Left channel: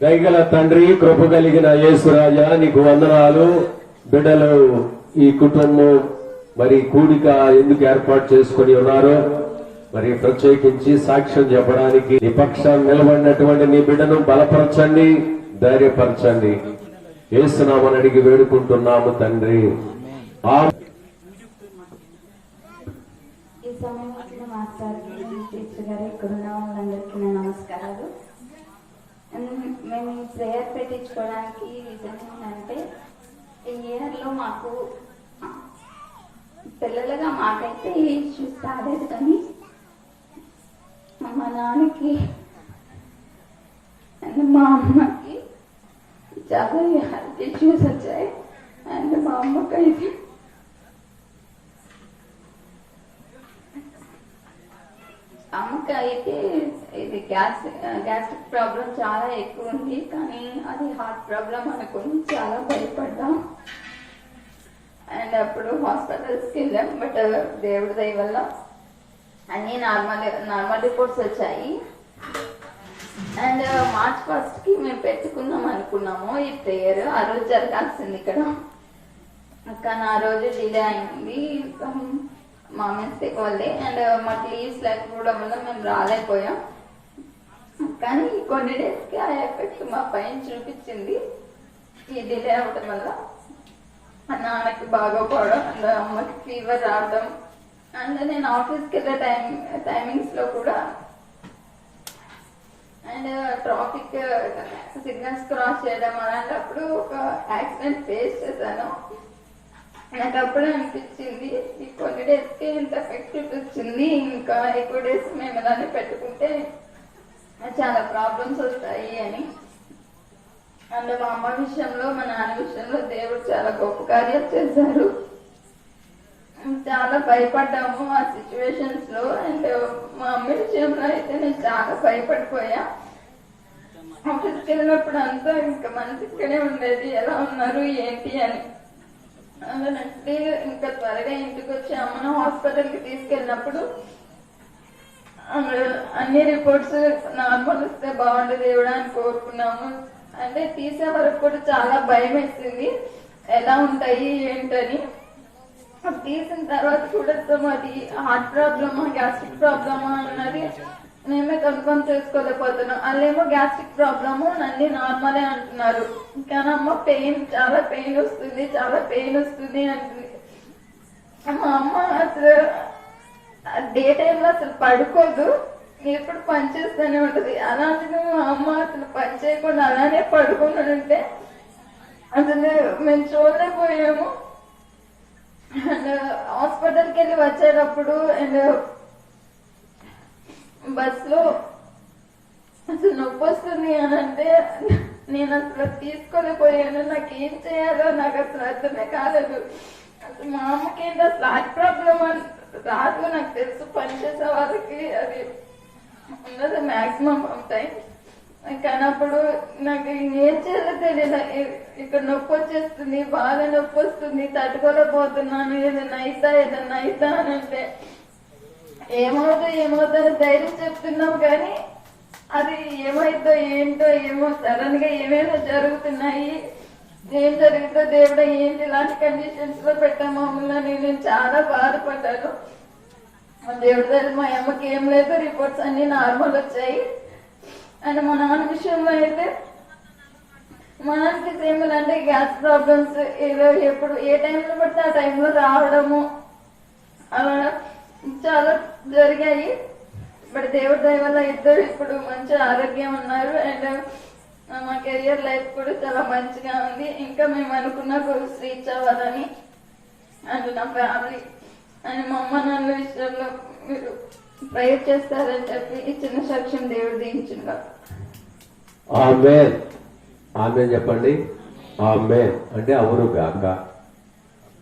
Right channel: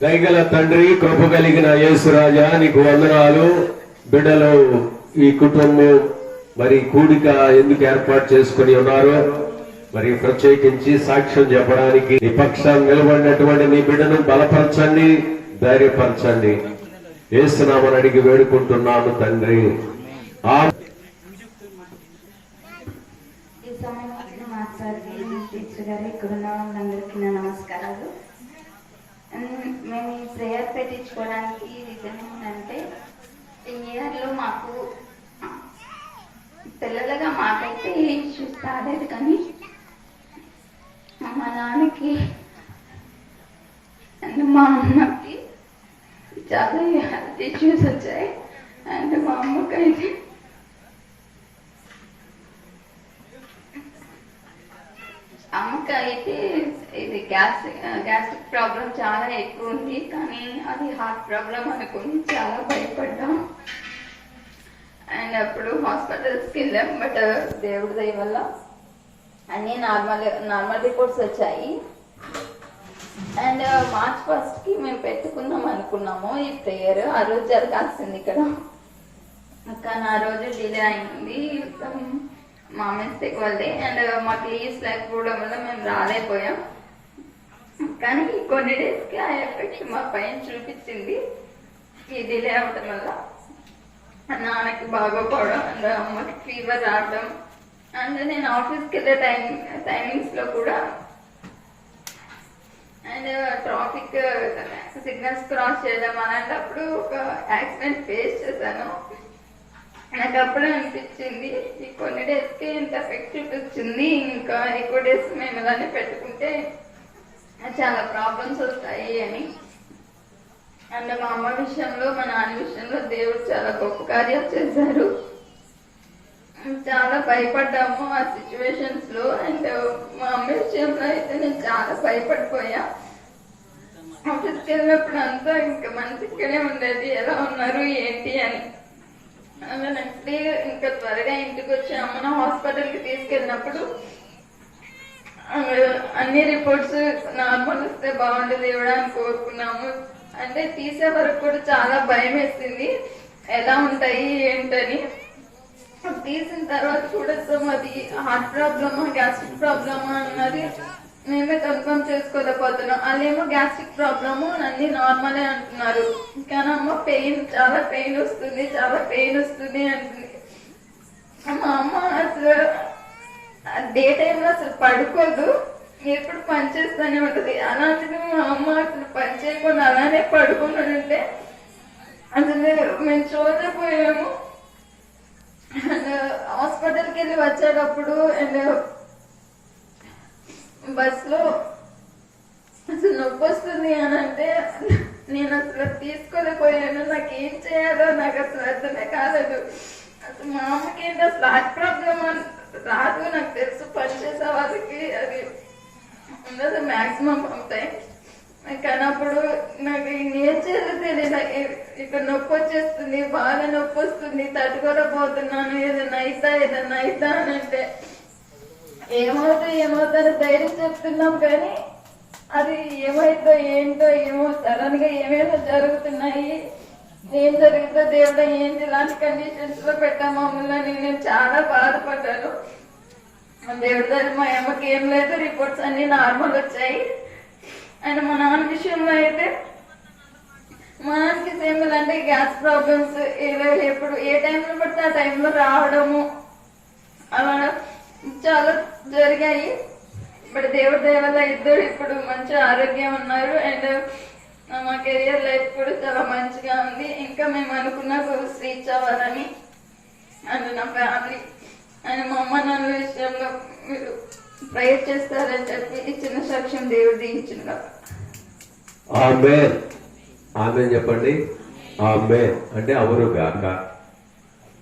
దయగల తండ్రి కృప కలిగిన యేసురాజా నీకు వందనాలు. బిడ్డలు ఈ కుటుంబం మరి కూడిక ఎందుకు ఏర్పాటు చేసుకుని ఉన్నారో మరి ప్రత్యేకించి సాక్ష్యం చెప్పడానికి నిపక్షం నిలబడినటువంటి నీ బిడ్డను బలపరచండి ధైర్యపరచండి. వేస్తున్నామని అడిగి వేడుకుంటున్నాము తండ్రి. ఆ ఇక్కడ ఉన్న వాళ్ళందరికీ నా నమస్కారాలు. మేము ఈ ప్రేయర్ పెట్టించుకోవడానికి రీజన్ ఏంటంటే ఈ ఇయర్లో మాకు పిల్లలుగా మాకైతే ఇష్యూస్ రాలేదు కానీ మా నాన్నకి అండ్ మా అమ్మకి చాలా హెల్త్ ఇష్యూస్ వచ్చాయి. అండ్ మా అమ్మకైతే ఇంకా అయితే ఇది గ్యాస్ గ్యాస్ట్రిక్ ప్రాబ్లం చాలా ఎక్కువ ఉంది. కానీ అది హార్ట్ ప్రాబ్లం అనుకుని చాలా భయపడ్డాం. అండ్ అప్పుడు హాస్పిటల్స్కి వెళ్ళాం బట్ దేవుడి దయ వల్ల అన్నీ నార్మల్ నార్మల్ రిపోర్ట్స్ వచ్చాయి. అండ్ మార్చ్ ఫస్ట్కి మేము పెట్టుకుందాం అనుకున్నాము. ఈ ప్రేయర్ ఆ రోజు జరగాల్సింది ఇక్కడ. కానీ ఆ రోజు డిలే అయింది. మా మిస్టేక్ వల్లే అండ్ మాకు లీవ్స్ లేకపోవడం వల్ల మేము రాలేకపోయాం. కానీ కొన్ని కొన్ని డేస్కి ఆ ఎఫెక్ట్ మా పైన చూపించింది. ఈ డిలే అవడం వల్ల నాన్నకి బాగోపోవడం అండ్ అమ్మకి ఫీవర్ రావడం. అండ్ నేను ఆఫీస్కి వెళ్ళే టైం టైమింగ్స్లో కూడా అండ్ ట్రాఫిక్ సిగ్నల్స్ క్రాస్ చేయడం అలాంటప్పుడు ఒక యాక్సిడెంట్ ఫేస్ చేశాను. నాకు అప్పుడు అనిపించింది. ఈ కొన్ని డేస్కి ఇంత ఎఫెక్ట్ చూపించింది ఇంకా ఎక్కువ డేస్ మేము ఇలానే పెట్టుకుంటే చాలా ప్రాబ్లమ్స్ వస్తాయి అని. అండ్ మా అమ్మ విషయంలో మా నాన్న విషయంలో దేవుడు చాలా గొప్ప కార్యాలు చేశారు. చాలా భయపడ్డాము ఆ సిచ్యువేషన్స్లో. అండ్ మా అమ్మ విషయంలో అయితే నేను చాలా భయపడిపోయా. ఆఫీస్కి వెళ్ళినప్పుడు అంతా ఇంకా మనసు ఇక్కడే ఉండేది ఎలా ఉన్నారు ఏంటి అని. నెక్స్ట్ డే ఇంకా త్వరగా ఇంటికి వచ్చి అమ్మను హాస్పిటల్కి తీసుకెళ్ళినప్పుడు అన్ని రిపోర్ట్స్ నార్మల్ వస్తే బాగుండు దేవుడా అని కోరుకున్నాము. అంటే తీసే వరకు కూడా చాలా భయం వేసింది. ఎలా ఉంటాయి ఏంటని. తీసిన తర్వాత చూడొచ్చాము అది హార్ట్ ప్రాబ్లమా గ్యాస్ట్రిక్ ప్రాబ్లమా అన్నది మేమే కన్ఫర్మ్ చేసుకోలేకపోతున్నాం. వాళ్ళేమో గ్యాస్ట్రిక్ ప్రాబ్లము అన్ని నార్మలే అంటున్నారు. కానీ అమ్మ పెయిన్ చాలా పెయిన్ వస్తుంది చాలా పెయిన్ వస్తుంది అంటుంది. మా అమ్మ అసలు డే టైంలో అసలు పడుకోదు. ఎప్పుడు పని చేస్తూనే ఉంటుంది. అలాంటిది మా అమ్మ అసలు పని చేయకుండా అలానే పడుకుని ఉంటే అసలు మేము చూడలేకపోయాము. అండ్ హాస్పిటల్కి వెళ్ళి వచ్చేటప్పుడు అండ్ బస్సులో అసలు నొప్పి వస్తుంది అని అంటే నేను అసలు తీసుకోలేకపోయాను నాకు ఏం చేయాలో నాకు అసలు అర్థమే కాలేదు. అసలు మా అమ్మకి ఏంటి అసలు హార్ట్ ప్రాబ్లమ్ అని రాదు. నాకు తెలుసు పనిచేసే వాళ్ళకి అది ఉండదు మ్యాక్సిమం ఉంటాయి కానప్పుడు నాకు ఏం చేయాలో తెలియదు. ఇక్కడ నొప్పి వచ్చేస్తుంది బాగా నొప్పి వస్తుంది తట్టుకోలేకపోతున్నాను. ఏదైనా అయితా ఏదైనా అయితా అని అంటే ఏమవుతా ఏమవుతారో ధైర్యం చెప్తున్నాం కానీ అది ఏమైందో ఏంటో ఏమో సడన్గా ఏమేమో జరుగుతున్నాయి ఏం జరుగుతుందో దేవుడు ఏంటి ఇలాంటి కండిషన్స్లో పెట్టాం మమ్మల్ని నేను చాలా బాధపడ్డాను. దేవుడి దగ్గర మా అమ్మకి ఏం లేదు రిపోర్ట్స్ అన్ని నార్మల్ వచ్చాయి. అండ్ మా నాన్న విషయంలో అయితే మా నాన్నకి సేమ్ అంటే గ్యాస్ ప్రాబ్లమ్స్ ఏదో ఎప్పుడు ఏ టైంలో పడితే ఆ టైంలో రావడము. అలా చాలా జరిగాయి. బట్ దేవుడి దయ వల్ల ఇద్దరు ఇప్పుడు మంచి ఆరోగ్యం ఉన్నారు. అండ్ మా కెరియర్ లైఫ్ కూడా చాలా మంచిగా ఉంది. ఇంకా మేము అనుకున్న గోల్స్ రీచ్ అవ్వాలని అండ్ నా ఫ్యామిలీ అండ్ మా అమ్మ నాన్న విషయంలో మీరు ప్రేయర్ చేస్తారని చెప్పి చిన్న సాక్ష్యం దేవుడు దించిన ఆమె ఆమె చెప్పండి. ఆమె అంటే అవును కాక.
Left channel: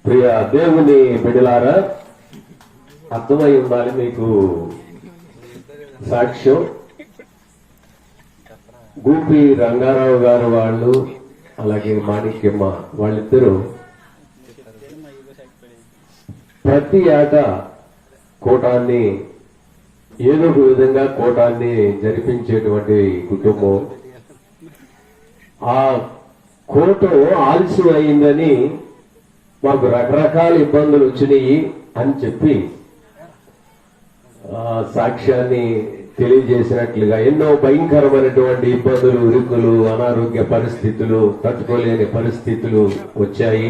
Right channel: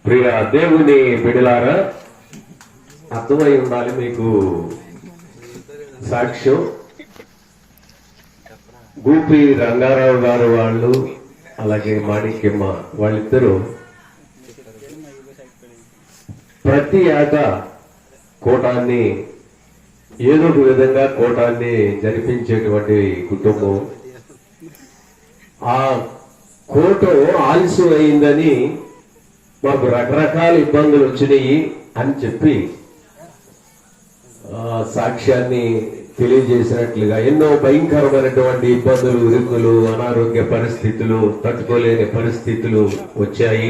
ప్రియ దేవుని బిడలారా అర్థమై ఉండాలి మీకు. సాక్ష్యం గూపి రంగారావు గారు వాళ్ళు అలాగే మాణిక్యమ్మ వాళ్ళిద్దరూ ప్రతి ఏట కోటాన్ని ఏదో ఒక విధంగా కోటాన్ని జరిపించేటువంటి కుటుంబం. ఆ కోట ఆలస్యం అయిందని మాకు రకరకాల ఇబ్బందులు వచ్చినాయి అని చెప్పి సాక్ష్యాన్ని తెలియజేసినట్లుగా ఎన్నో భయంకరమైనటువంటి ఇబ్బందులు ఇరుకులు అనారోగ్య పరిస్థితులు తట్టుకోలేని పరిస్థితులు వచ్చాయి.